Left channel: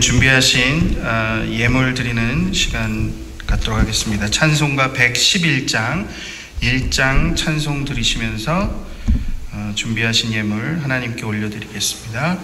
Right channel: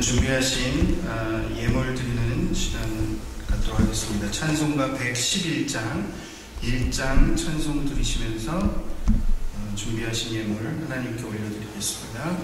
이제는 준비하신 예물 드리는 시간 갖도록 하겠습니다. 찬송가 111장 1장 찬송 드리시면서 준비하신 예물 하나님께 올려드리겠습니다.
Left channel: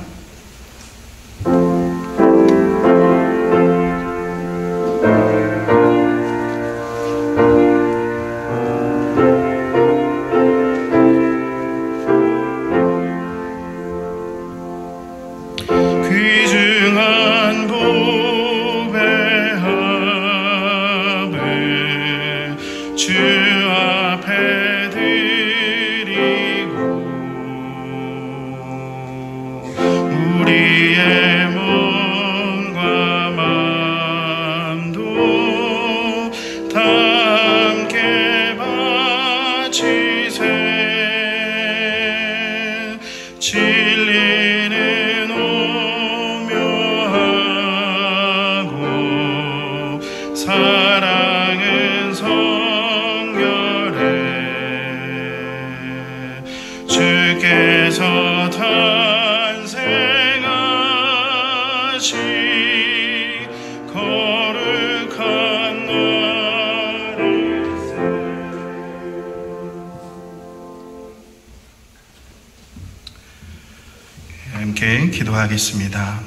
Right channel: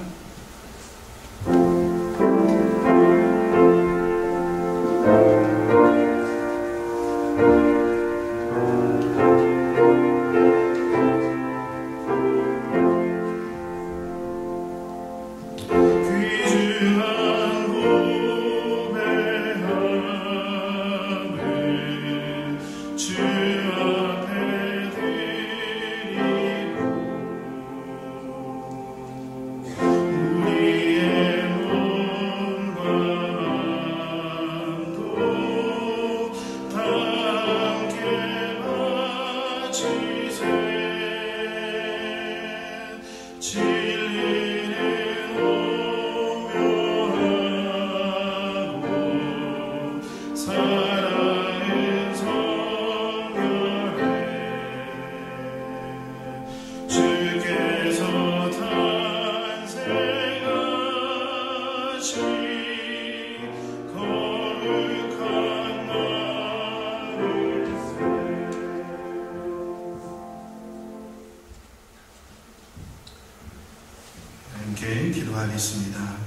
함께 기도하겠습니다.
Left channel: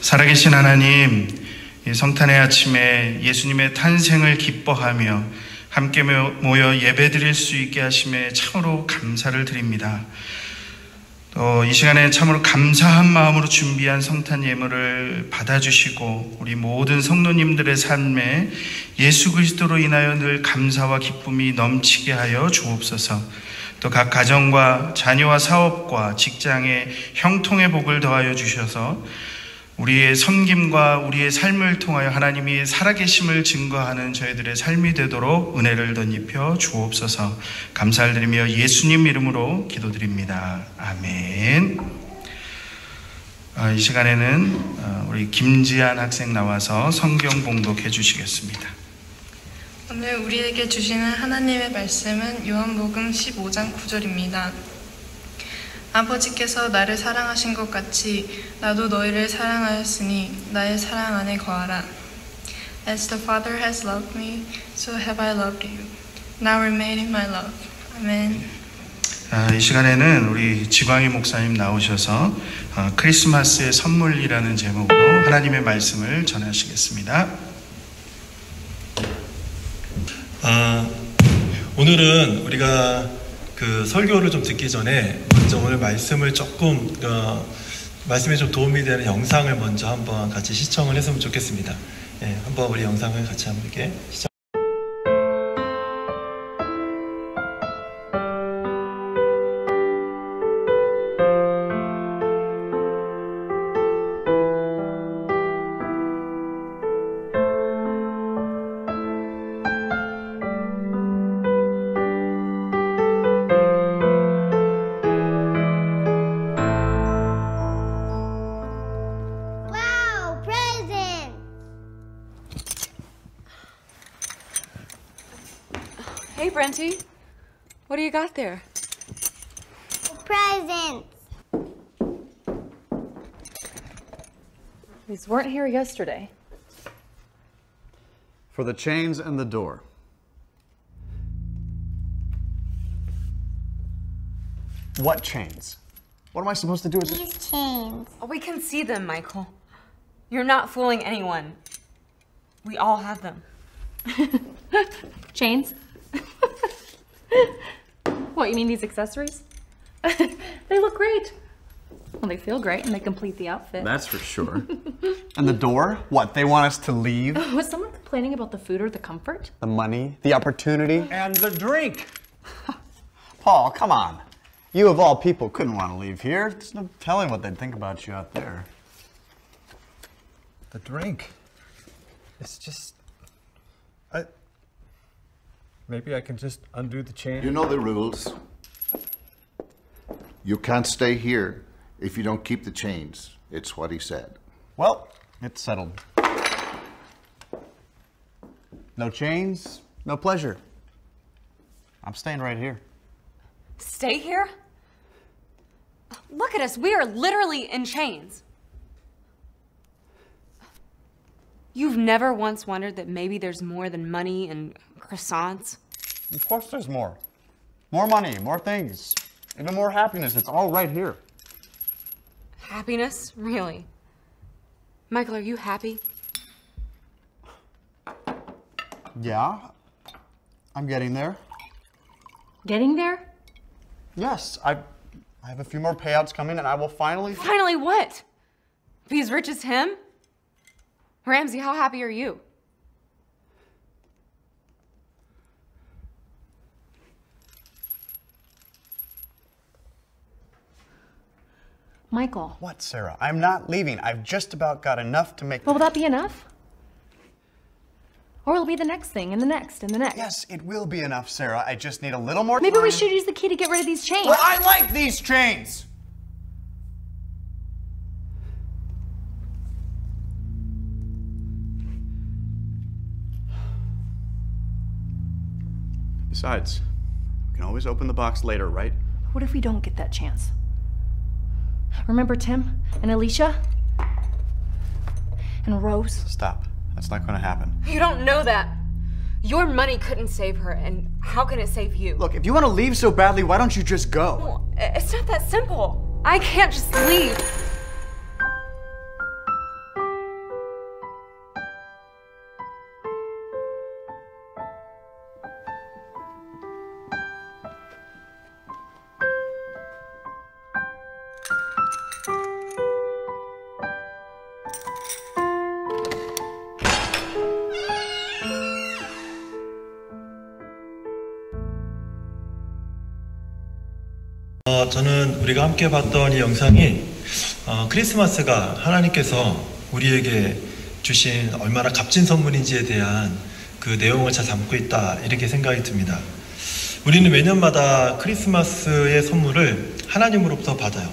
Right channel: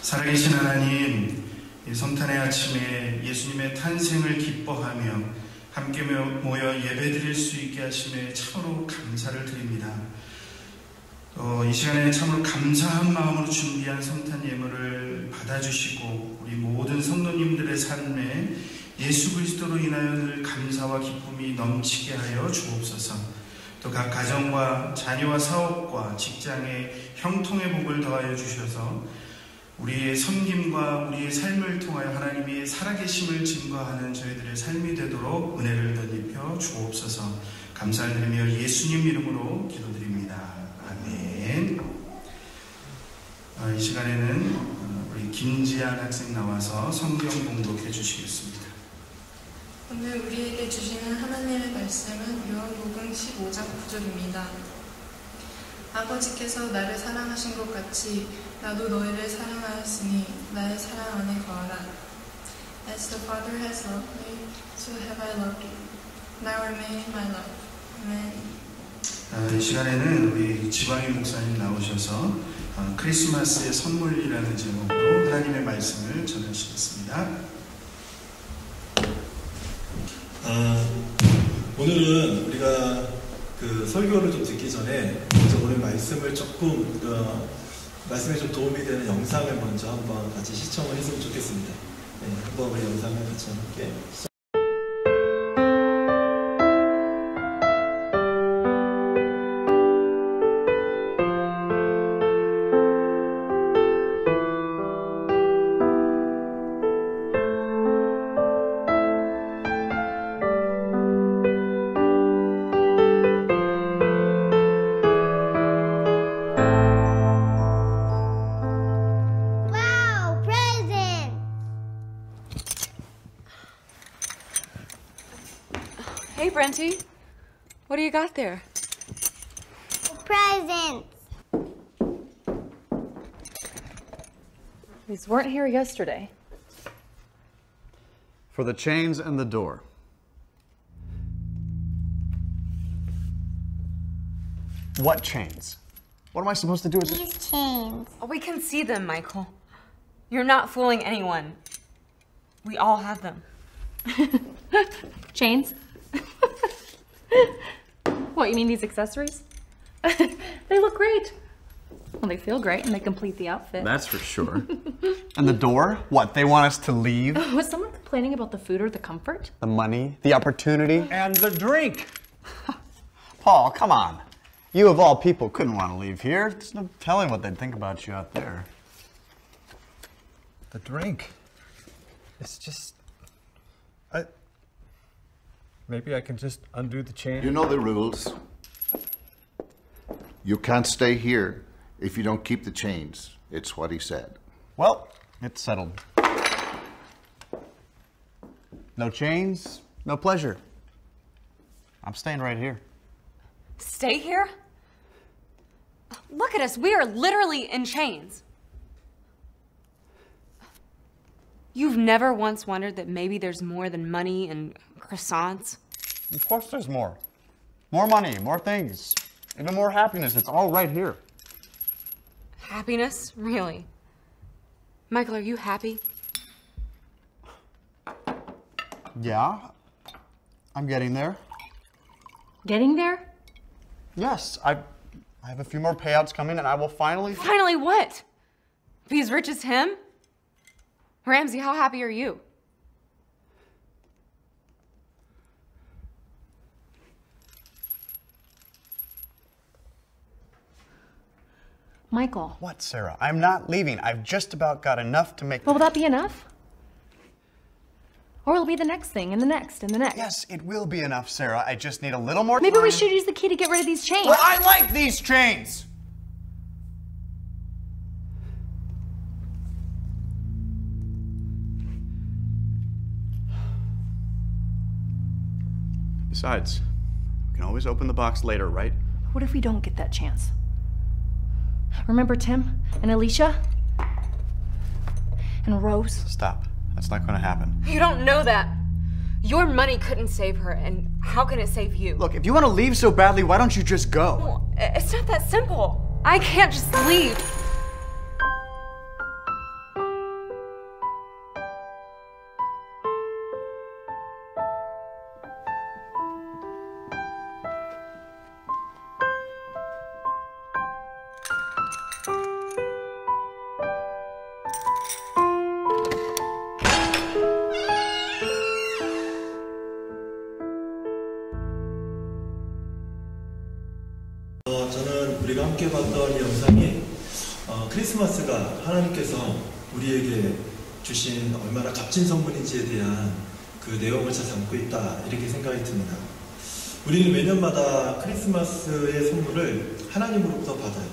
살아계신 하나님, 이 성탄의 아침에 예수님의 탄생을 기뻐하며 함께 모여 예배드릴 수 있게 하심에 참으로 감사를 드립니다. 또 이 시간에 참으로 감사한 마음으로 준비한 성탄 예물을 받아주시고 우리 모든 성도님들의 삶에 예수 그리스도로 인하여 늘 감사와 기쁨이 넘치게 하여 주옵소서. 또 각 가정과 자녀와 사업과 직장의 형통의 복을 더하여 주셔서 우리의 섬김과 우리의 삶을 통하여 하나님이 살아계심을 증거하는 저희들의 삶이 되도록 은혜를 덧입혀 주옵소서. 감사를 드리며 예수님 이름으로 기도드립니다. 아멘. 이 시간에는 우리 김지한 학생 나와서 성경 봉독해 주시겠습니다. 오늘 우리에게 주시는 하나님의 말씀은 요한복음 15장 9절입니다. 아버지께서 나를 사랑하신 것 같이 나도 너희를 사랑하였으니 나의 사랑 안에 거하라. As the Father has loved me, so have I loved you. Now remain in my love. 아멘. 이 시간에는 우리 지광희 목사님 나오셔서 크리스마스의 선물이라는 제목으로 하나님의 말씀을 전하시겠습니다. 오늘은 우리가 그 설교를 좀 듣기 전에 먼저 오늘 말씀을 조금 말씀에 좀 도움이 되는 영상을 먼저 한번 같이 시청을 했으면 좋겠습니다. 예, 한번 우리 영상을 같이 함께 시청. Hey, Brenty. What do you got there? Presents. These weren't here yesterday. For the chains and the door. What chains? What am I supposed to do with These chains. Oh, we can see them, Michael. You're not fooling anyone. We all have them. Chains? What, you mean these accessories? They look great. Well, they feel great and they complete the outfit. That's for sure. And the door? What, they want us to leave? Was someone complaining about the food or the comfort? The money, the opportunity? And the drink. Paul, come on. You of all people couldn't want to leave here. There's no telling what they'd think about you out there. The drink. It's just... Maybe I can just undo the chain. You know the rules. You can't stay here if you don't keep the chains. It's what he said. Well, it's settled. No chains, no pleasure. I'm staying right here. Stay here? Look at us, we are literally in chains. You've never once wondered that maybe there's more than money and croissants? Of course there's more. More money, more things, even more happiness. It's all right here. Happiness? Really? Michael, are you happy? Yeah, I'm getting there. Getting there? Yes, I have a few more payouts coming and I will finally... Finally what? Be as rich as him? Ramsey, how happy are you? Michael. What, Sarah? I'm not leaving. I've just about got enough to make... Well, will that be enough? Or it'll be the next thing, and the next, and the next. Yes, it will be enough, Sarah. I just need a little more Maybe time. we should use the key to get rid of these chains. Well, I like these chains! Besides, we can always open the box later, right? What if we don't get that chance? Remember Tim and Alicia? And Rose? Stop. That's not going to happen. You don't know that. Your money couldn't save her, and how can it save you? Look, if you want to leave so badly, why don't you just go? Well, it's not that simple. I can't just leave. 저는 우리가 함께 봤던 이 영상이 크리스마스가 하나님께서 우리에게 주신 얼마나 값진 선물인지에 대한 그 내용을 잘 담고 있다 이렇게 생각이 듭니다. 우리는 매년마다 크리스마스의 선물을 하나님으로부터 받아요.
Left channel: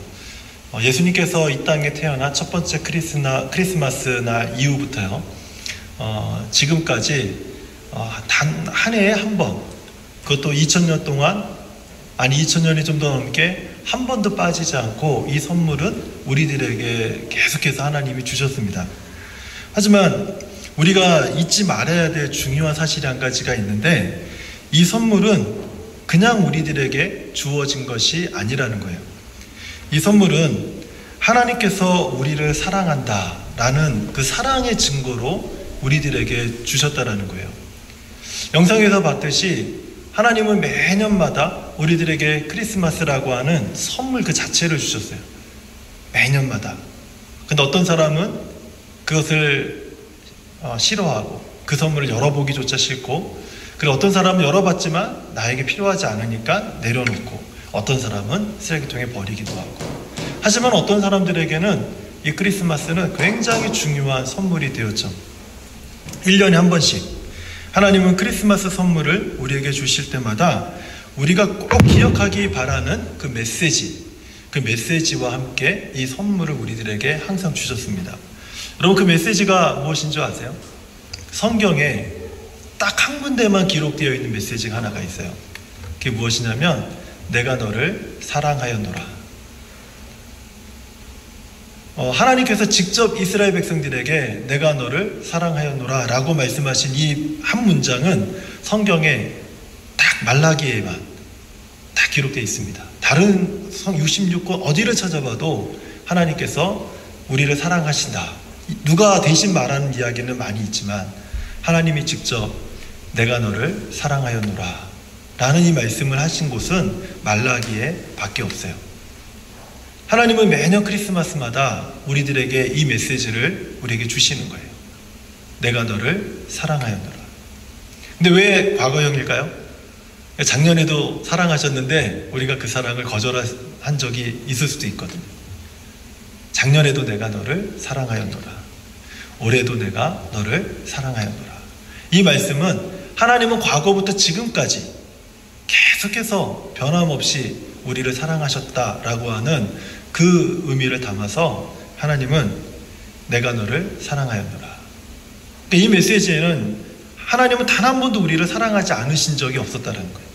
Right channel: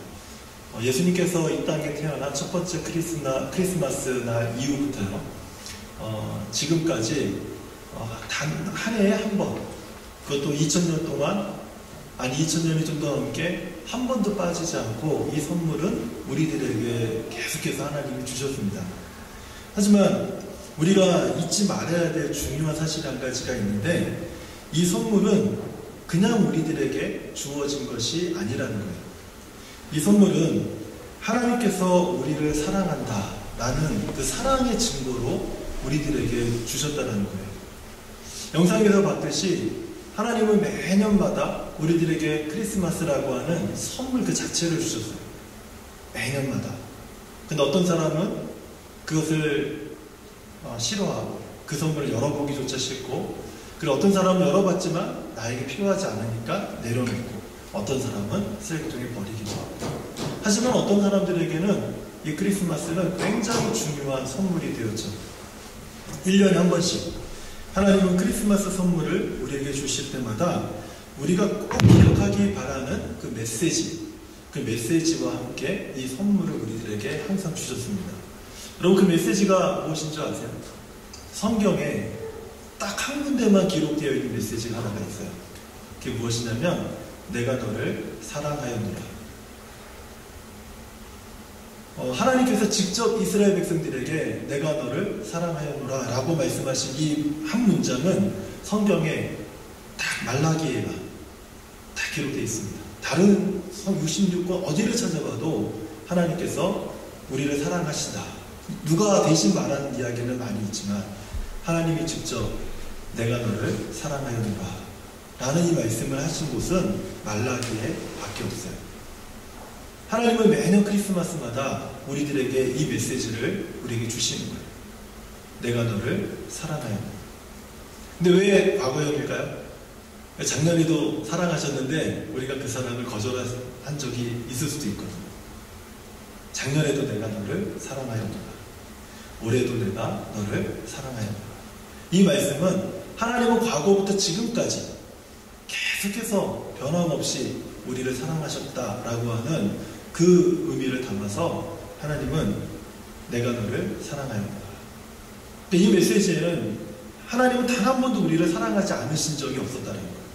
예수님께서 이 땅에 태어난 첫 번째 크리스마스 날 이후부터요. 지금까지 단 한 해에 한 번, 그것도 2000년 동안, 아니 2000년이 좀 더 넘게 한 번도 빠지지 않고 이 선물은 우리들에게 계속해서 하나님이 주셨습니다. 하지만 우리가 잊지 말아야 될 중요한 사실이 한 가지가 있는데, 이 선물은 그냥 우리들에게 주어진 것이 아니라는 거예요. 이 선물은 하나님께서 우리를 사랑한다 라는 그 사랑의 증거로 우리들에게 주셨다라는 거예요. 영상에서 봤듯이 하나님은 매년마다 우리들에게 크리스마스라고 하는 선물 그 자체를 주셨어요. 매년마다. 근데 어떤 사람은 그것을 싫어하고 그 선물을 열어보기조차 싫고, 그리고 어떤 사람은 열어봤지만 나에게 필요하지 않으니까 내려놓고, 어떤 사람은 쓰레기통에 버리기도 하고. 하지만 어떤 사람들에게는 이 크리스마스는 굉장히 중요한 선물이 되었죠. 1년에 한 번씩 하나님은 크리스마스 선물을 우리에게 주실 때마다 우리가 꼭 기억하기 바라는 그 메시지와 함께 이 선물을 우리들에게 항상 주셨습니다. 여러분, 그 메시지가 무엇인 줄 아세요? 성경에 딱 한 군데만 기록되어 있는 메시지가 하나가 있어요. 그게 무엇이냐면 내가 너를 사랑하였노라. 하나님께서 직접 이스라엘 백성들에게 내가 너를 사랑하였노라 라고 말씀하신 이 한 문장은 성경에 딱 말라기에만 딱 기록되어 있습니다. 다른 66권 어디를 찾아봐도 하나님께서 우리를 사랑하신다, 누가 대신 말하는 이야기는 많이 있지만 하나님이 직접 내가 너를 사랑하였노라 라는 이 말씀을 하신 곳은 말라기에 밖에 없어요. 하나님은 매년 크리스마스마다 우리들에게 이 메시지를 우리에게 주시는 거예요. 내가 너를 사랑하였노라. 근데 왜 과거형일까요? 작년에도 사랑하셨는데 우리가 그 사랑을 거절한 적이 있을 수도 있거든요. 작년에도 내가 너를 사랑하였노라. 올해도 내가 너를 사랑하였노라. 이 말씀은 하나님은 과거부터 지금까지 계속해서 변함없이 우리를 사랑하셨다라고 하는 그 의미를 담아서 하나님은 내가 너를 사랑하였노라. 이 메시지에는 하나님은 단 한 번도 우리를 사랑하지 않으신 적이 없었다는 거예요.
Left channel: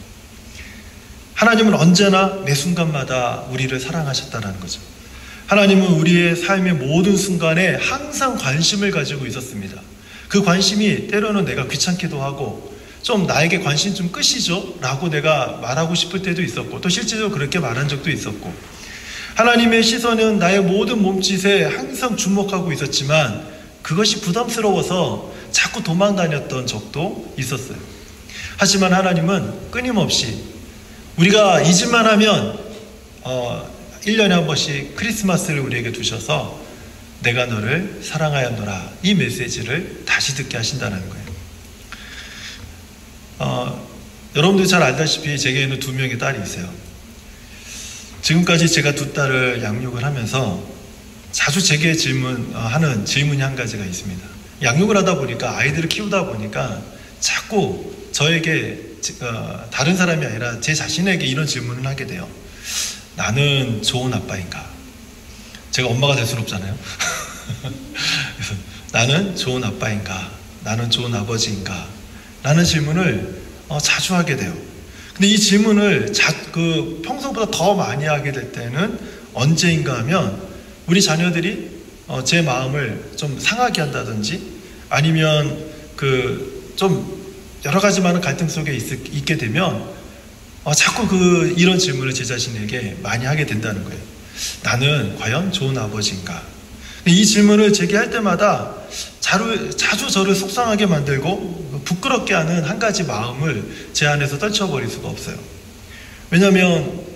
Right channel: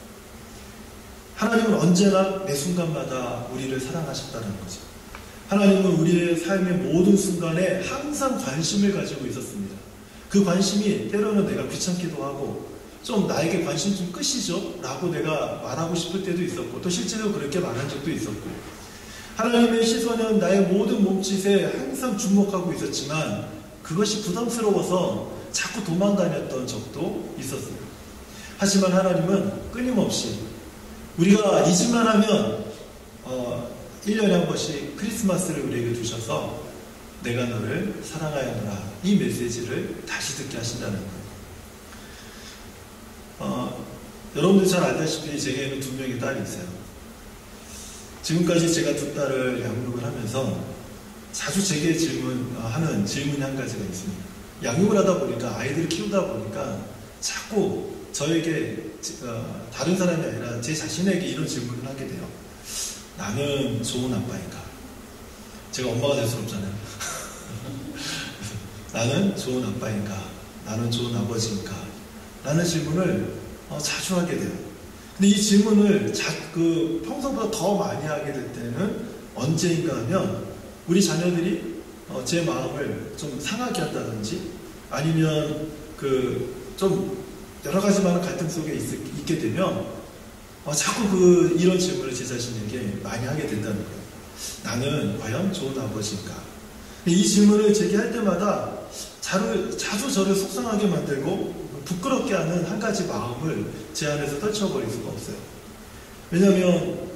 하나님은 언제나 매 순간마다 우리를 사랑하셨다는 거죠. 하나님은 우리의 삶의 모든 순간에 항상 관심을 가지고 있었습니다. 그 관심이 때로는 내가 귀찮기도 하고 좀 나에게 관심 좀 끄시죠? 라고 내가 말하고 싶을 때도 있었고 또 실제로 그렇게 말한 적도 있었고 하나님의 시선은 나의 모든 몸짓에 항상 주목하고 있었지만 그것이 부담스러워서 자꾸 도망다녔던 적도 있었어요. 하지만 하나님은 끊임없이 우리가 잊을만 하면 1년에 한 번씩 크리스마스를 우리에게 두셔서 내가 너를 사랑하였노라 이 메시지를 다시 듣게 하신다는 거예요. 여러분들 잘 알다시피 제게는 2명의 딸이 있어요. 지금까지 제가 2 딸을 양육을 하면서 자주 제게 하는 질문이 한 가지가 있습니다. 양육을 하다 보니까 아이들을 키우다 보니까 자꾸 저에게 다른 사람이 아니라 제 자신에게 이런 질문을 하게 돼요. 나는 좋은 아빠인가? 제가 엄마가 될 수는 없잖아요. 그래서 나는 좋은 아빠인가? 나는 좋은 아버지인가? 라는 질문을 자주 하게 돼요. 근데 이 질문을 평소보다 더 많이 하게 될 때는 언제인가 하면 우리 자녀들이 제 마음을 좀 상하게 한다든지 아니면 좀 여러 가지 많은 갈등 속에 있게 되면 자꾸 이런 질문을 제 자신에게 많이 하게 된다는 거예요. 나는 과연 좋은 아버지인가? 이 질문을 제게 할 때마다 자주 저를 속상하게 만들고 부끄럽게 하는 한 가지 마음을 제 안에서 떨쳐버릴 수가 없어요. 왜냐하면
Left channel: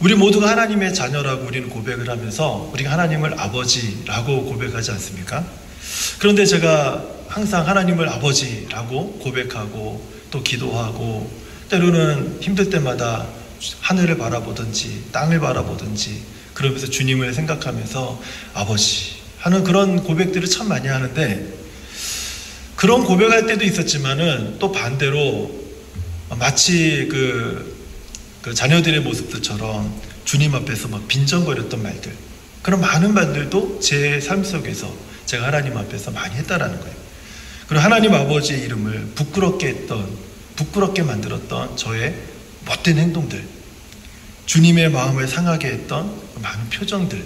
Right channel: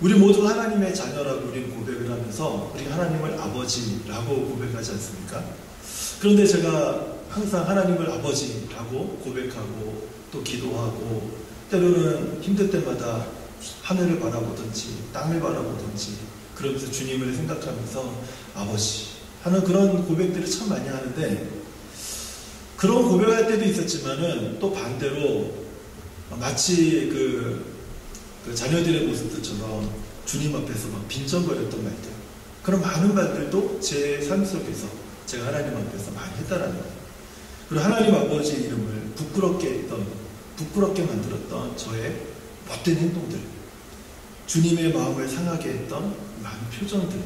우리 모두가 하나님의 자녀라고 우리는 고백을 하면서 우리가 하나님을 아버지라고 고백하지 않습니까? 그런데 제가 항상 하나님을 아버지라고 고백하고 또 기도하고 때로는 힘들 때마다 하늘을 바라보든지 땅을 바라보든지 그러면서 주님을 생각하면서 아버지 하는 그런 고백들을 참 많이 하는데 그런 고백할 때도 있었지만은 또 반대로 마치 그 자녀들의 모습들처럼 주님 앞에서 막 빈정거렸던 말들 그런 많은 말들도 제 삶 속에서 제가 하나님 앞에서 많이 했다라는 거예요. 그리고 하나님 아버지의 이름을 부끄럽게 만들었던 저의 못된 행동들, 주님의 마음을 상하게 했던 많은 표정들,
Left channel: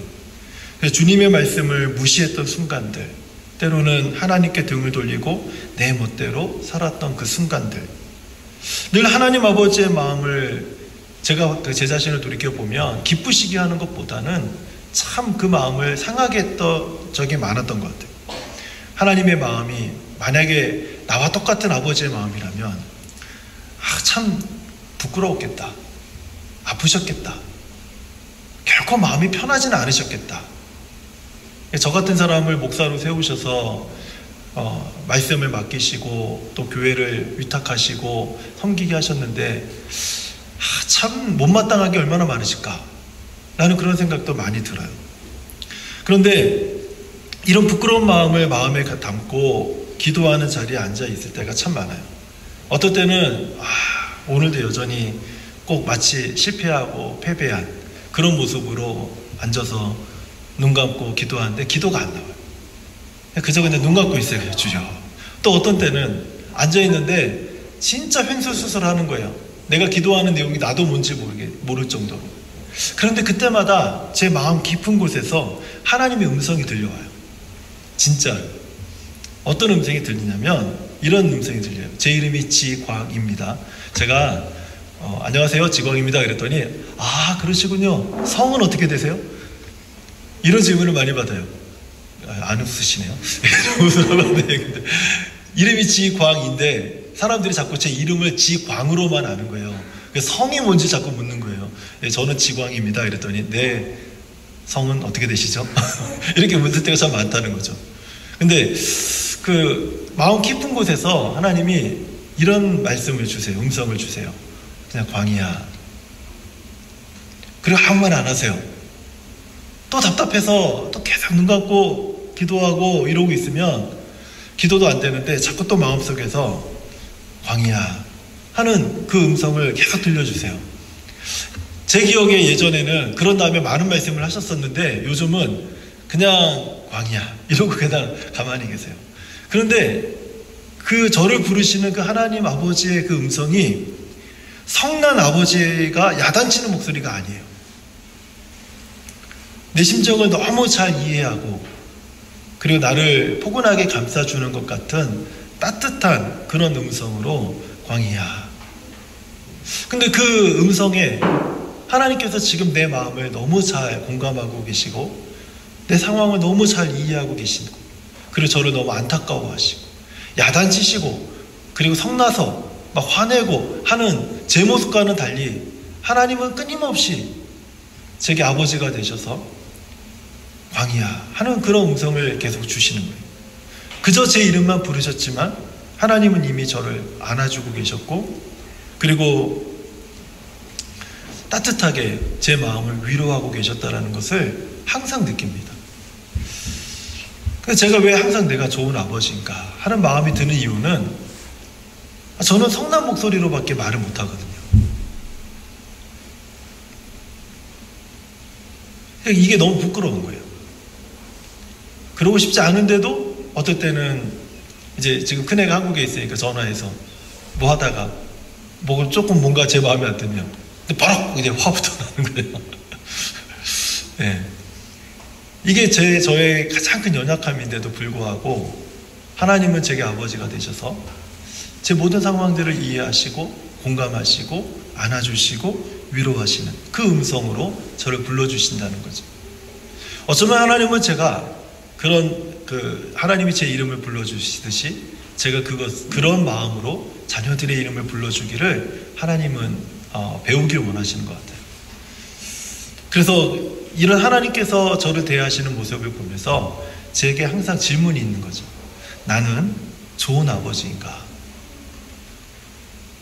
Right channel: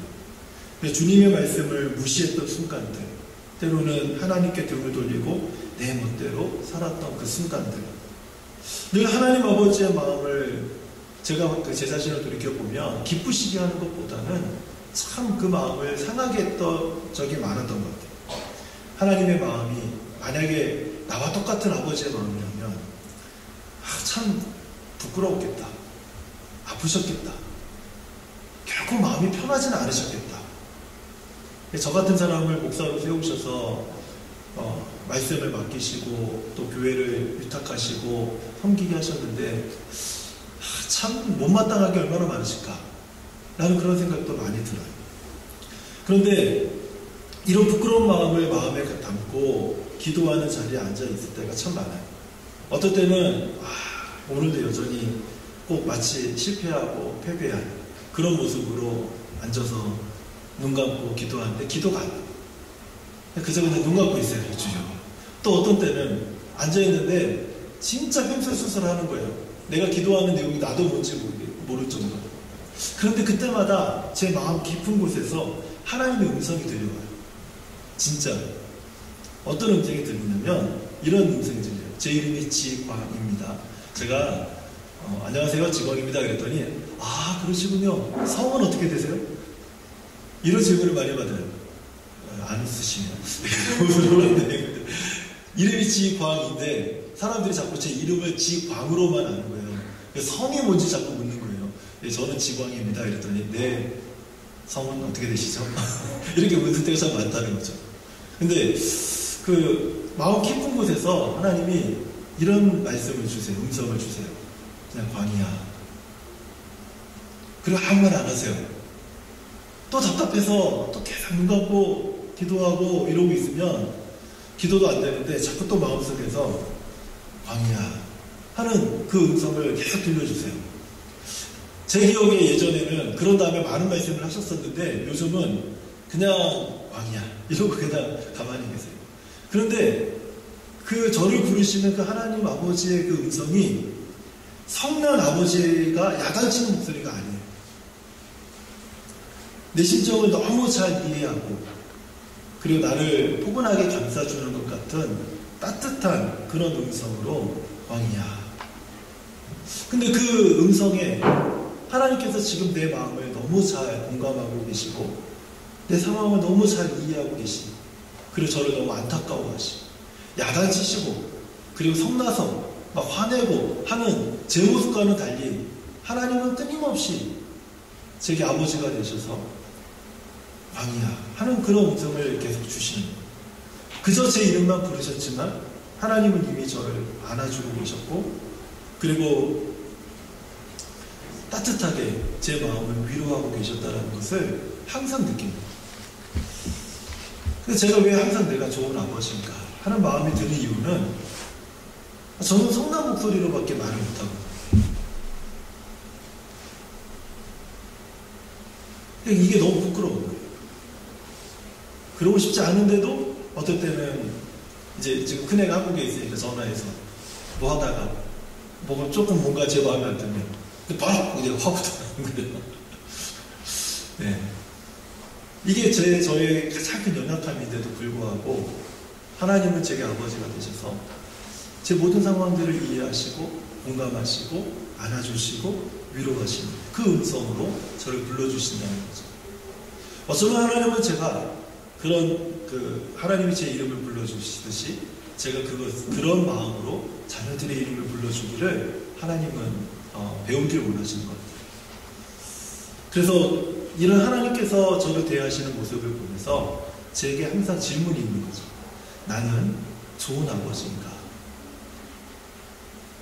주님의 말씀을 무시했던 순간들, 때로는 하나님께 등을 돌리고 내 멋대로 살았던 그 순간들, 늘 하나님 아버지의 마음을 제가 제 자신을 돌이켜보면 기쁘시게 하는 것보다는 참 그 마음을 상하게 했던 적이 많았던 것 같아요. 하나님의 마음이 만약에 나와 똑같은 아버지의 마음이라면 참 부끄러웠겠다. 아프셨겠다. 결코 마음이 편하지는 않으셨겠다. 저 같은 사람을 목사로 세우셔서 말씀을 맡기시고 또 교회를 위탁하시고 섬기게 하셨는데 참 못마땅하게 얼마나 많으실까 라는 그런 생각도 많이 들어요. 그런데 이런 부끄러운 마음을 마음에 담고 기도하는 자리에 앉아 있을 때가 참 많아요. 어떨 때는 오늘도 여전히 꼭 마치 실패하고 패배한 그런 모습으로 앉아서 눈 감고 기도하는데 기도가 안 나와요. 그저 근데 눈 감고 있어요. 주여. 또 어떤 때는 앉아있는데 진짜 횡설수설하는 거예요. 내가 기도하는 내용이 나도 뭔지 모를 정도로. 그런데 그때마다 제 마음 깊은 곳에서 하나님의 음성이 들려와요. 진짜 어떤 음성이 들리냐면 이런 음성이 들려요. 제 이름이 지광입니다. 제가 안녕하세요 지광입니다 그랬더니 그러시군요. 성은 어떻게 되세요? 이런 질문을 많이 받아요. 안 웃으시네요. 이름이 지광인데 사람들이 자꾸 제 이름을 지광으로만 아는 거예요. 성이 뭔지 자꾸 묻는 거예요. 저는 지광입니다 이랬더니 네 성은 어떻게 되시죠? 이렇게 묻을 때가 참 많다는 거죠. 근데 그 마음 깊은 곳에서 하나님이 이런 말씀을 주세요. 음성을 주세요. 그냥 광이야. 그리고 아무 말 안 하세요. 또 답답해서 또 계속 눈 감고 기도하고 이러고 있으면 기도도 안 되는데 자꾸 또 마음속에서 광이야 하는 그 음성을 계속 들려주세요. 제 기억에 예전에는 그런 다음에 많은 말씀을 하셨었는데 요즘은 그냥 광이야 이러고 그냥 가만히 계세요. 그런데 그 저를 부르시는 그 하나님 아버지의 그 음성이 성난 아버지가 야단치는 목소리가 아니에요. 내 심정을 너무 잘 이해하고 그리고 나를 포근하게 감싸주는 것 같은 따뜻한 그런 음성으로 광희야. 근데 그 음성에 하나님께서 지금 내 마음을 너무 잘 공감하고 계시고 내 상황을 너무 잘 이해하고 계시고 그리고 저를 너무 안타까워하시고 야단치시고 그리고 성나서 막 화내고 하는 제 모습과는 달리 하나님은 끊임없이 제게 아버지가 되셔서 광희야 하는 그런 음성을 계속 주시는 거예요. 그저 제 이름만 부르셨지만 하나님은 이미 저를 안아주고 계셨고 그리고 따뜻하게 제 마음을 위로하고 계셨다는 것을 항상 느낍니다. 그래서 제가 왜 항상 내가 좋은 아버지인가 하는 마음이 드는 이유는 저는 성난 목소리로밖에 말을 못하거든요. 이게 너무 부끄러운 거예요. 그러고 싶지 않은데도 어떨 때는 이제 지금 큰애가 한국에 있으니까 전화해서 뭐 하다가 뭐 조금 뭔가 제 마음에 안 들면 근데 바로 이제 화부터 나는 거예요. 네. 이게 저의 가장 큰 연약함인데도 불구하고 하나님은 제게 아버지가 되셔서 제 모든 상황들을 이해하시고 공감하시고 안아주시고 위로하시는 그 음성으로 저를 불러주신다는 거죠. 어쩌면 하나님은 제가 그런 하나님이 제 이름을 불러주시듯이 제가 그런 마음으로 자녀들의 이름을 불러주기를 하나님은 배우길 원하시는 것 같아요. 그래서 이런 하나님께서 저를 대하시는 모습을 보면서 제게 항상 질문이 있는 거죠. 나는 좋은 아버지인가?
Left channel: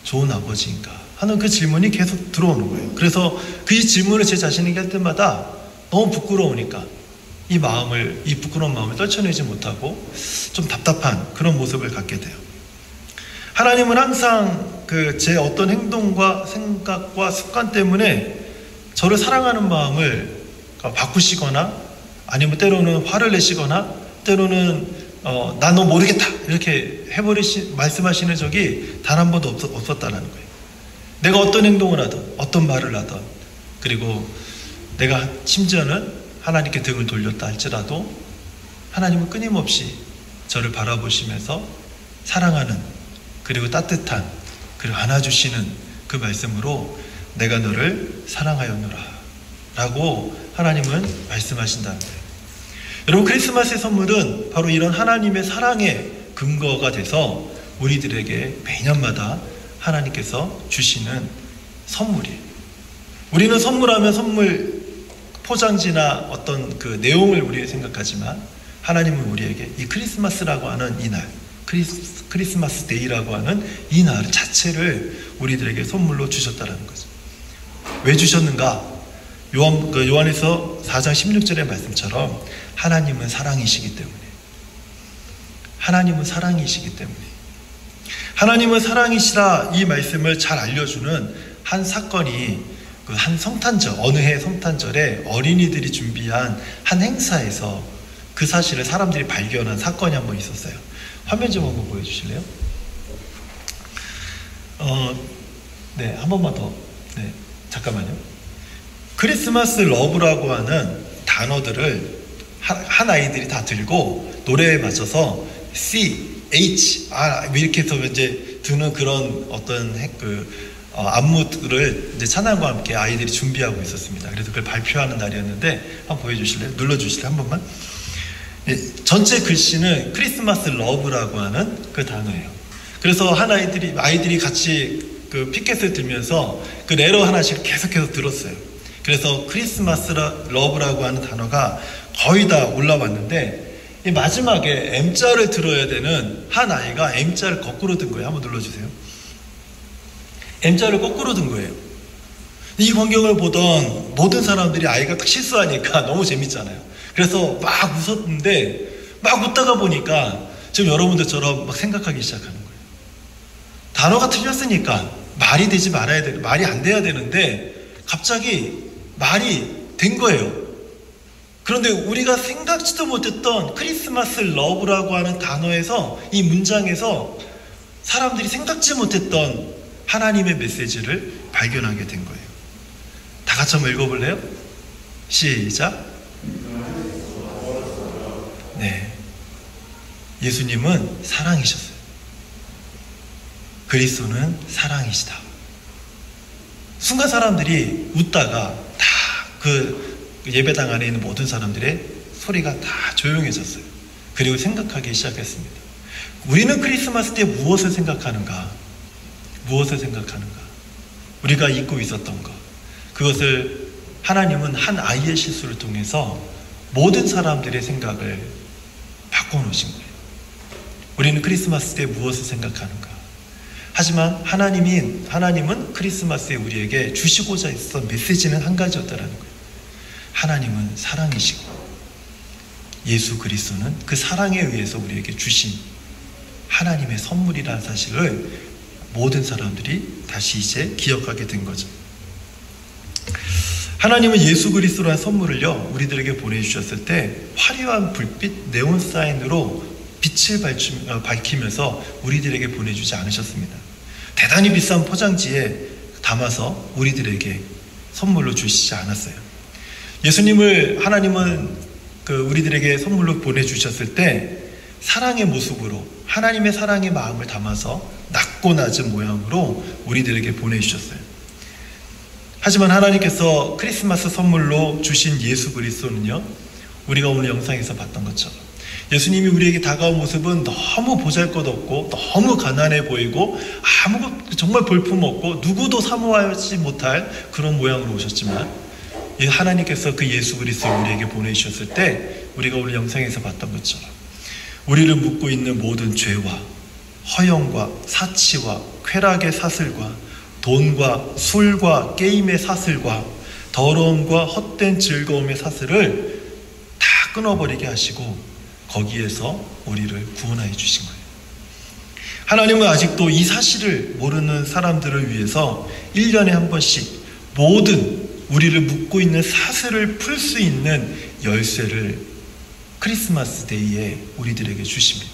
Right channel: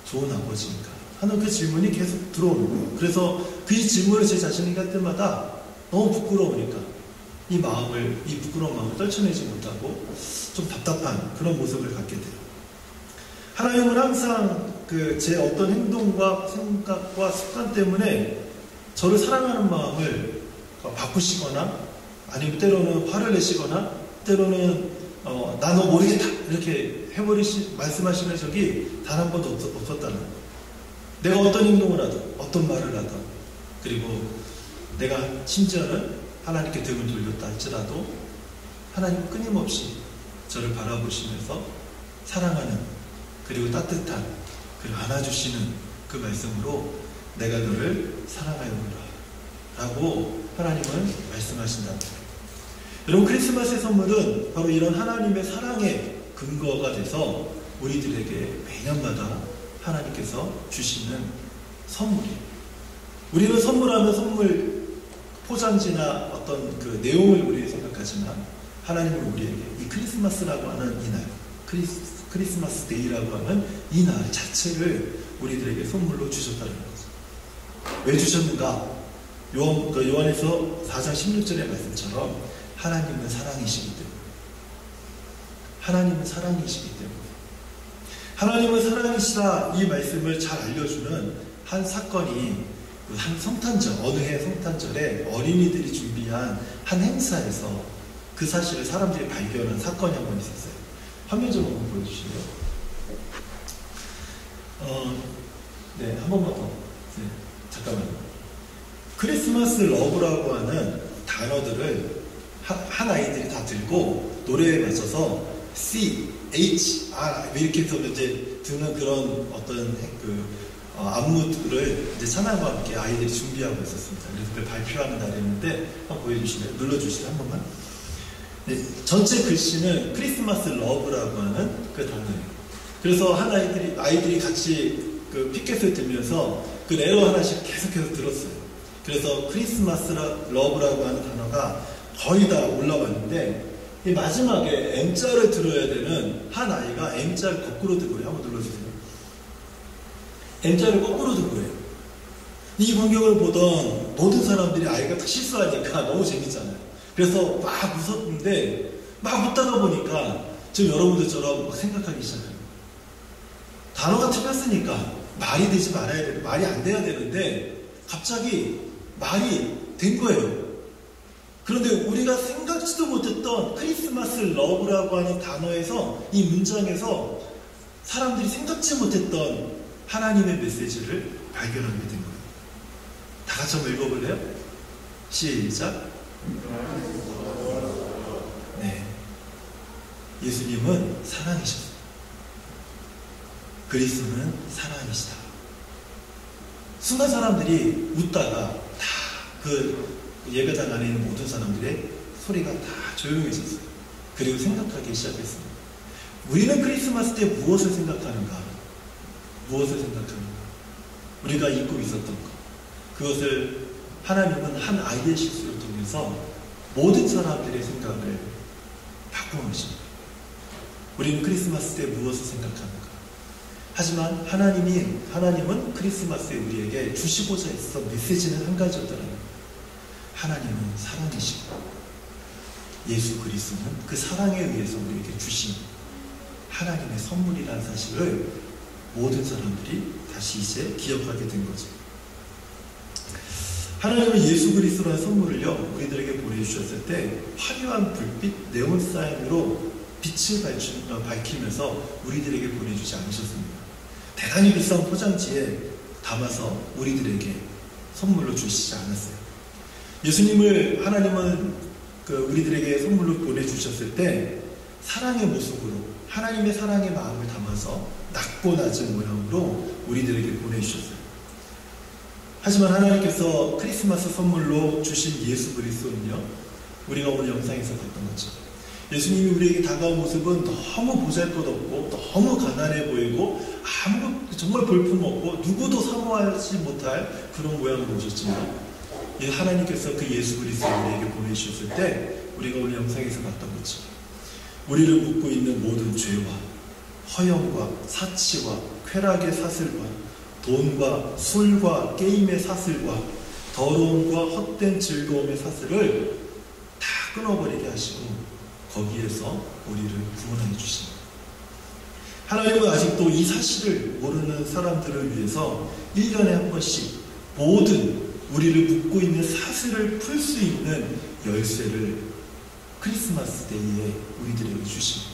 좋은 아버지인가? 하는 그 질문이 계속 들어오는 거예요. 그래서 그 질문을 제 자신에게 할 때마다 너무 부끄러우니까 이 부끄러운 마음을 떨쳐내지 못하고 좀 답답한 그런 모습을 갖게 돼요. 하나님은 항상 제 어떤 행동과 생각과 습관 때문에 저를 사랑하는 마음을 바꾸시거나 아니면 때로는 화를 내시거나 때로는 나 너 모르겠다 이렇게 말씀하시는 적이 단 한 번도 없었다는 거예요. 내가 어떤 행동을 하든 어떤 말을 하든 그리고 내가 심지어는 하나님께 등을 돌렸다 할지라도 하나님은 끊임없이 저를 바라보시면서 사랑하는 그리고 따뜻한 그리고 안아주시는 그 말씀으로 내가 너를 사랑하였노라 라고 하나님은 말씀하신다는 거예요. 여러분 크리스마스의 선물은 바로 이런 하나님의 사랑의 근거가 돼서 우리들에게 매년마다 하나님께서 주시는 선물이에요. 우리는 선물하면 선물 포장지나 어떤 그 내용을 우리가 생각하지만 하나님은 우리에게 이 크리스마스라고 하는 이날 크리스마스 데이라고 하는 이 날 자체를 우리들에게 선물로 주셨다는 거죠. 왜 주셨는가? 요한에서 4장 16절의 말씀처럼 하나님은 사랑이시기 때문에 하나님은 사랑이시라 이 말씀을 잘 알려주는 한 사건이 한 성탄절, 어느 해 성탄절에 어린이들이 준비한 한 행사에서 그 사실을 사람들이 발견한 사건이 한 번 있었어요. 화면 좀 한번 보여주실래요? 네, 한 번만 더. 네, 잠깐만요. 크리스마스 러브라고 하는 단어들을 한 아이들이 다 들고 노래에 맞춰서 C, H, R 이렇게 해서 이제 드는 그런 어떤 안무를 이제 찬양과 함께 아이들이 준비하고 있었습니다. 그래서 그걸 발표하는 날이었는데 한번 보여주실래요? 눌러주실래요? 한 번만. 예, 전체 글씨는 크리스마스 러브라고 하는 그 단어예요. 그래서 아이들이 같이 그 피켓을 들면서 그 레러 하나씩 계속해서 들었어요. 그래서 크리스마스 러브라고 하는 단어가 거의 다 올라왔는데 이 마지막에 M자를 들어야 되는 한 아이가 M자를 거꾸로 든 거예요. 한번 눌러주세요. M자를 거꾸로 든 거예요. 이 광경을 보던 모든 사람들이 아이가 딱 실수하니까 너무 재밌잖아요. 그래서 막 웃었는데 막 웃다가 보니까 지금 여러분들처럼 막 생각하기 시작하는 거예요. 단어가 틀렸으니까 말이 되지 말아야 돼. 말이 안 돼야 되는데 갑자기 말이 된 거예요. 그런데 우리가 생각지도 못했던 크리스마스 러브라고 하는 단어에서 이 문장에서 사람들이 생각지 못했던 하나님의 메시지를 발견하게 된 거예요. 다 같이 한번 읽어볼래요? 시작. 네. 예수님은 사랑이셨어요. 그리스도는 사랑이시다. 순간 사람들이 웃다가 다 그 예배당 안에 있는 모든 사람들의 소리가 다 조용해졌어요. 그리고 생각하기 시작했습니다. 우리는 크리스마스 때 무엇을 생각하는가? 무엇을 생각하는가? 우리가 잊고 있었던 것. 그것을 하나님은 한 아이의 실수를 통해서 모든 사람들의 생각을 바꿔놓으신 거예요. 우리는 크리스마스 때 무엇을 생각하는가? 하지만 하나님은 크리스마스에 우리에게 주시고자 했던 메시지는 한 가지였다라는 거예요. 하나님은 사랑이시고 예수 그리스도는 그 사랑에 의해서 우리에게 주신 하나님의 선물이라는 사실을 모든 사람들이 다시 이제 기억하게 된 거죠. 하나님은 예수 그리스도라는 선물을요, 우리들에게 보내주셨을 때 화려한 불빛, 네온 사인으로 빛을 밝히면서 우리들에게 보내주지 않으셨습니다. 대단히 비싼 포장지에 담아서 우리들에게 선물로 주시지 않았어요. 예수님을 하나님은 우리들에게 선물로 보내주셨을 때 사랑의 모습으로 하나님의 사랑의 마음을 담아서 낮고 낮은 모양으로 우리들에게 보내주셨어요. 하지만 하나님께서 크리스마스 선물로 주신 예수 그리스도는요, 우리가 오늘 영상에서 봤던 것처럼 예수님이 우리에게 다가온 모습은 너무 보잘것없고 너무 가난해 보이고 정말 볼품없고 누구도 사모하지 못할 그런 모양으로 오셨지만 하나님께서 그 예수 그리스도를 우리에게 보내주셨을 때 우리가 오늘 영상에서 봤던 것처럼 우리를 묶고 있는 모든 죄와 허영과 사치와 쾌락의 사슬과 돈과 술과 게임의 사슬과 더러움과 헛된 즐거움의 사슬을 다 끊어버리게 하시고 거기에서 우리를 구원하여 주신 거예요. 하나님은 아직도 이 사실을 모르는 사람들을 위해서 1년에 한 번씩 모든 우리를 묶고 있는 사슬을 풀 수 있는 열쇠를 크리스마스 데이에 우리들에게 주십니다.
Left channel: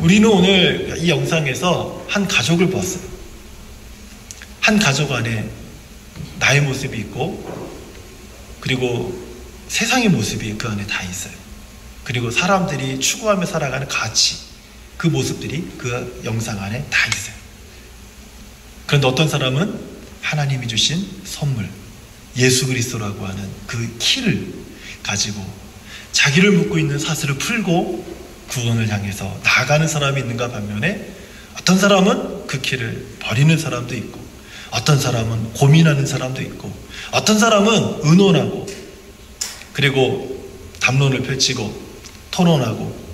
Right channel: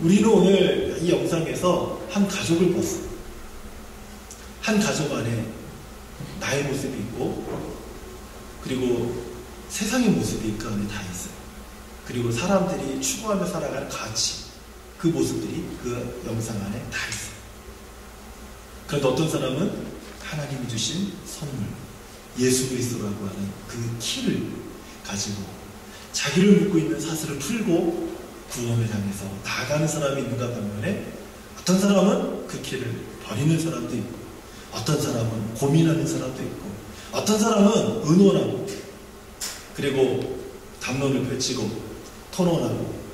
우리는 오늘 이 영상에서 한 가족을 보았어요. 한 가족 안에 나의 모습이 있고 그리고 세상의 모습이 그 안에 다 있어요. 그리고 사람들이 추구하며 살아가는 가치, 그 모습들이 그 영상 안에 다 있어요. 그런데 어떤 사람은 하나님이 주신 선물, 예수 그리스도라고 하는 그 키를 가지고 자기를 묶고 있는 사슬을 풀고 구원을 향해서 나아가는 사람이 있는가 반면에 어떤 사람은 그 키를 버리는 사람도 있고 어떤 사람은 고민하는 사람도 있고 어떤 사람은 의논하고 그리고 담론을 펼치고 토론하고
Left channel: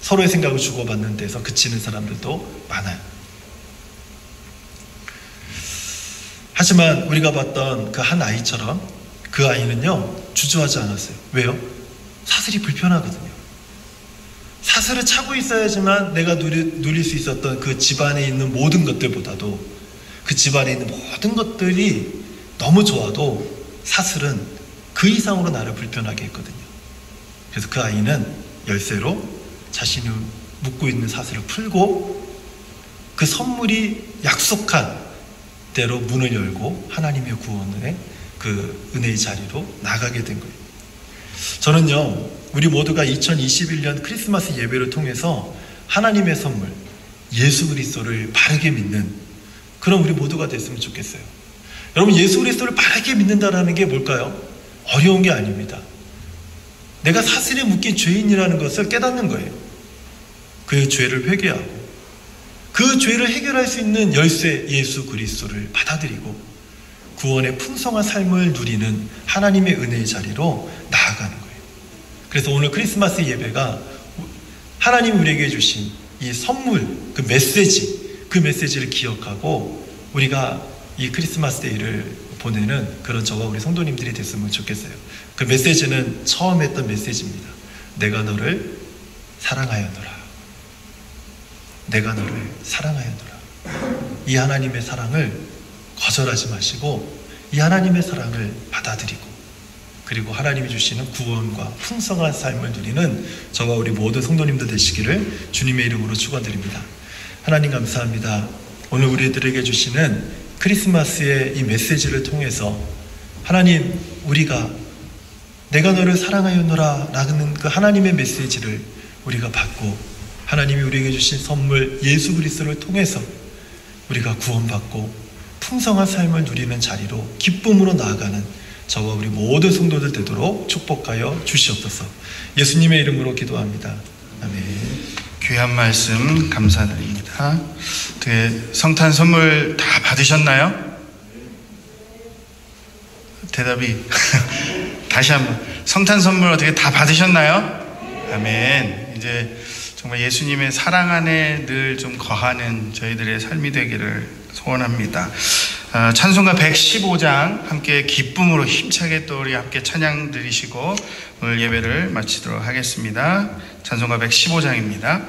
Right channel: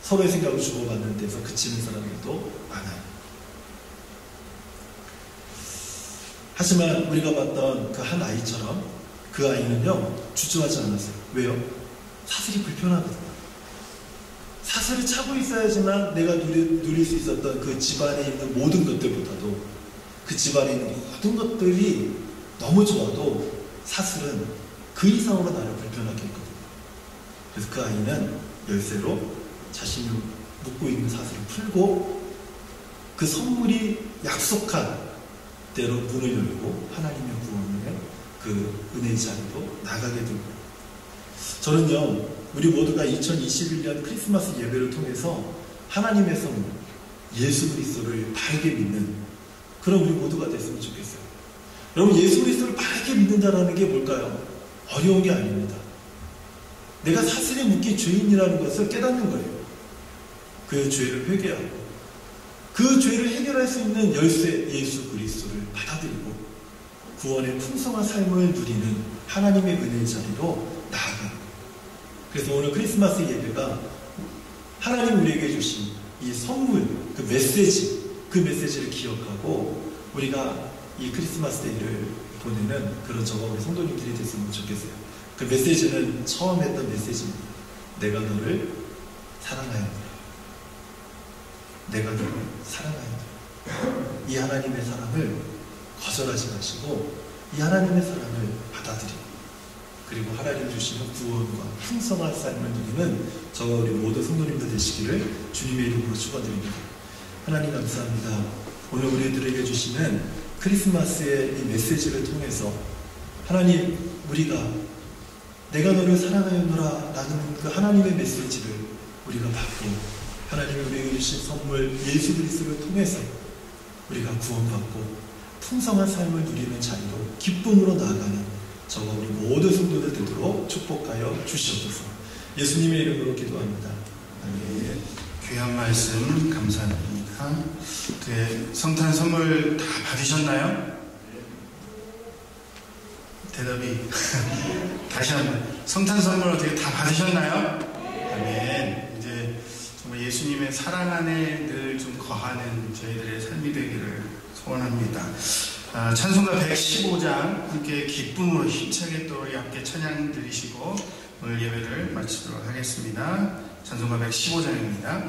서로의 생각을 주고받는 데서 그치는 사람들도 많아요. 하지만 우리가 봤던 그 한 아이처럼 그 아이는요 주저하지 않았어요. 왜요? 사슬이 불편하거든요. 사슬을 차고 있어야지만 내가 누릴 수 있었던 그 집안에 있는 모든 것들보다도 그 집안에 있는 모든 것들이 너무 좋아도 사슬은 그 이상으로 나를 불편하게 했거든요. 그래서 그 아이는 열쇠로 자신이 묶고 있는 사슬을 풀고 그 선물이 약속한 대로 문을 열고 하나님의 구원의 그 은혜의 자리로 나가게 된 거예요. 저는요, 우리 모두가 2021년 크리스마스 예배를 통해서 하나님의 선물, 예수 그리스도를 바르게 믿는 그런 우리 모두가 됐으면 좋겠어요. 여러분, 예수 그리스도를 바르게 믿는다는 게 뭘까요? 어려운 게 아닙니다. 내가 사슬에 묶인 죄인이라는 것을 깨닫는 거예요. 그 죄를 회개하고 그 죄를 해결할 수 있는 열쇠 예수 그리스도를 받아들이고 구원의 풍성한 삶을 누리는 하나님의 은혜의 자리로 나아가는 거예요. 그래서 오늘 크리스마스 예배가 하나님이 우리에게 주신 이 선물, 그 메시지를 기억하고 우리가 이 크리스마스 데이를 보내는 그런 저와 우리 성도님들이 됐으면 좋겠어요. 그 메시지는 처음 했던 메시지입니다. 내가 너를 사랑하였노라. 내가 너를 사랑하였노라. 이 하나님의 사랑을 거절하지 마시고 이 하나님의 사랑을 받아들이고 그리고 하나님이 주시는 구원과 풍성한 삶을 누리는 저와 우리 모든 성도님들 되시기를 주님의 이름으로 축원드립니다. 하나님 감사합니다. 오늘 우리들에게 주시는 크리스마스의 이 메시지를 통해서 하나님, 우리가 내가 너를 사랑하였노라 라는 그 하나님의 메시지를 우리가 받고 하나님이 우리에게 주신 선물 예수 그리스도를 통해서 우리가 구원받고 풍성한 삶을 누리는 자리로 기쁨으로 나아가는 저와 우리 모든 성도들 되도록 축복하여 주시옵소서. 예수님의 이름으로 기도합니다. 아멘. 귀한 말씀 감사드립니다. 성탄 선물 다 받으셨나요? 대답이 다시 한번, 성탄 선물 어떻게 다 받으셨나요? 아멘. 이제 정말 예수님의 사랑 안에 늘 좀 거하는 저희들의 삶이 되기를 소원합니다. 찬송가 115장 함께 기쁨으로 힘차게 또 우리 함께 찬양 드리시고 오늘 예배를 마치도록 하겠습니다. 찬송가 115장입니다.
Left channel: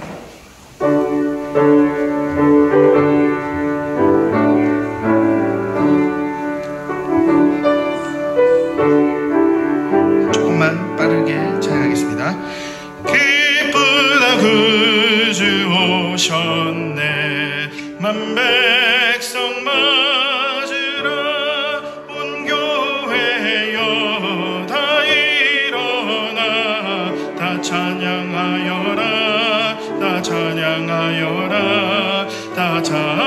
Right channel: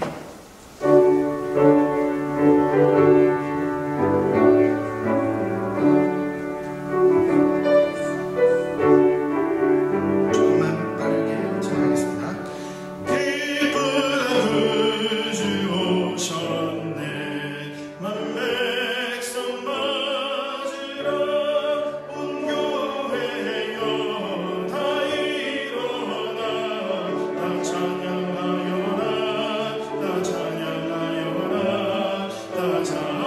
조금만 빠르게 찬양하겠습니다. 기쁘다 구주 오셨네 만 백성 맞으러 온 교회여 다 일어나 다 찬양하여라 다 찬양하여라 다 찬양하여라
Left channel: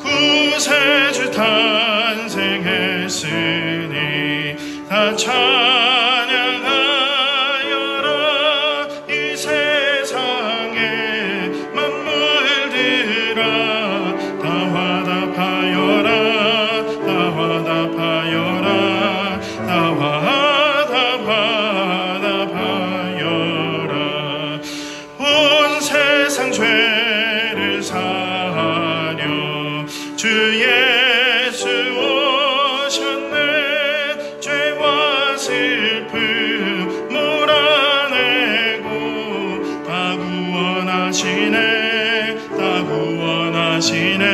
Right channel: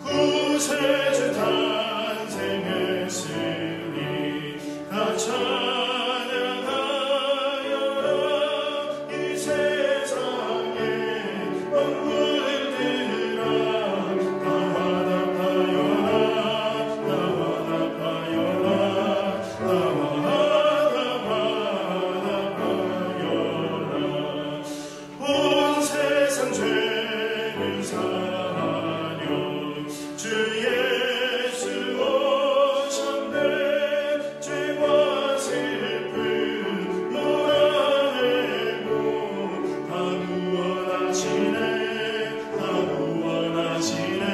구세주 탄생했으니 다 찬양하여라 이 세상에 만물들아 다 화답하여라 다 화답하여라 다 화답하여라 온 세상 죄를 사하려 주 예수 오셨네 죄와 슬픔 몰아내고 다 구원하시네 다 구원하시네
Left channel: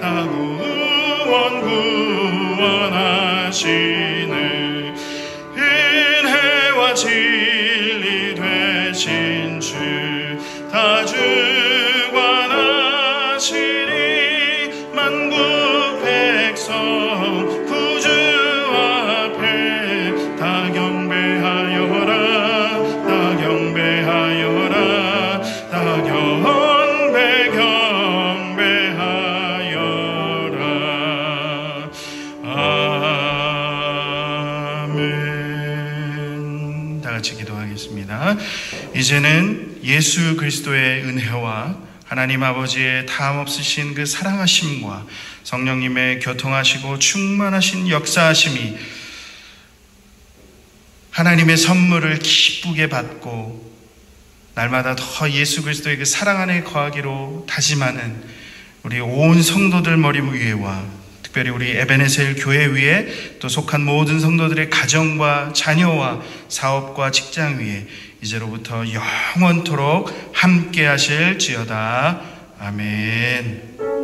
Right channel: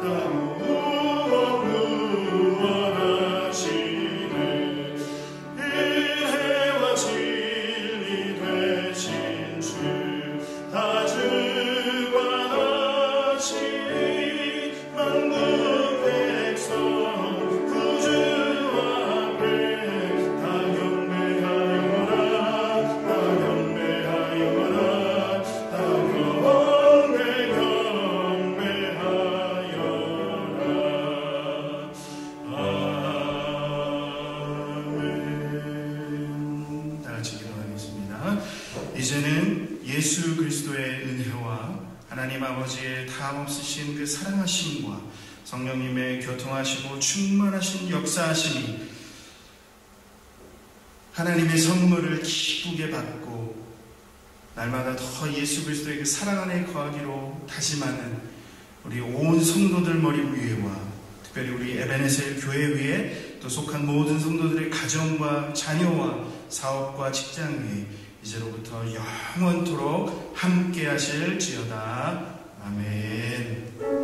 다 구원하시네 은혜와 진리 되신 주 다 주관하시니 만국 백성 구주 앞에 다 경배하여라 다 경배하여라 다 경배하여라. 아멘. 다 같이 기도하겠습니다. 이제는 예수 그리스도의 은혜와 하나님 아버지의 다함없으신 그 사랑하심과 성령님의 교통하시고 충만하신 역사하심이 하나님의 선물을 기쁘게 받고 날마다 더 예수 그리스도의 그 사랑 안에 거하기로 다짐하는 우리 온 성도들 머리 위에와 특별히 우리 에베네셀 교회 위에 또 속한 모든 성도들의 가정과 자녀와 사업과 직장 위에 이제로부터 영원토록 함께 하실지어다. 아멘.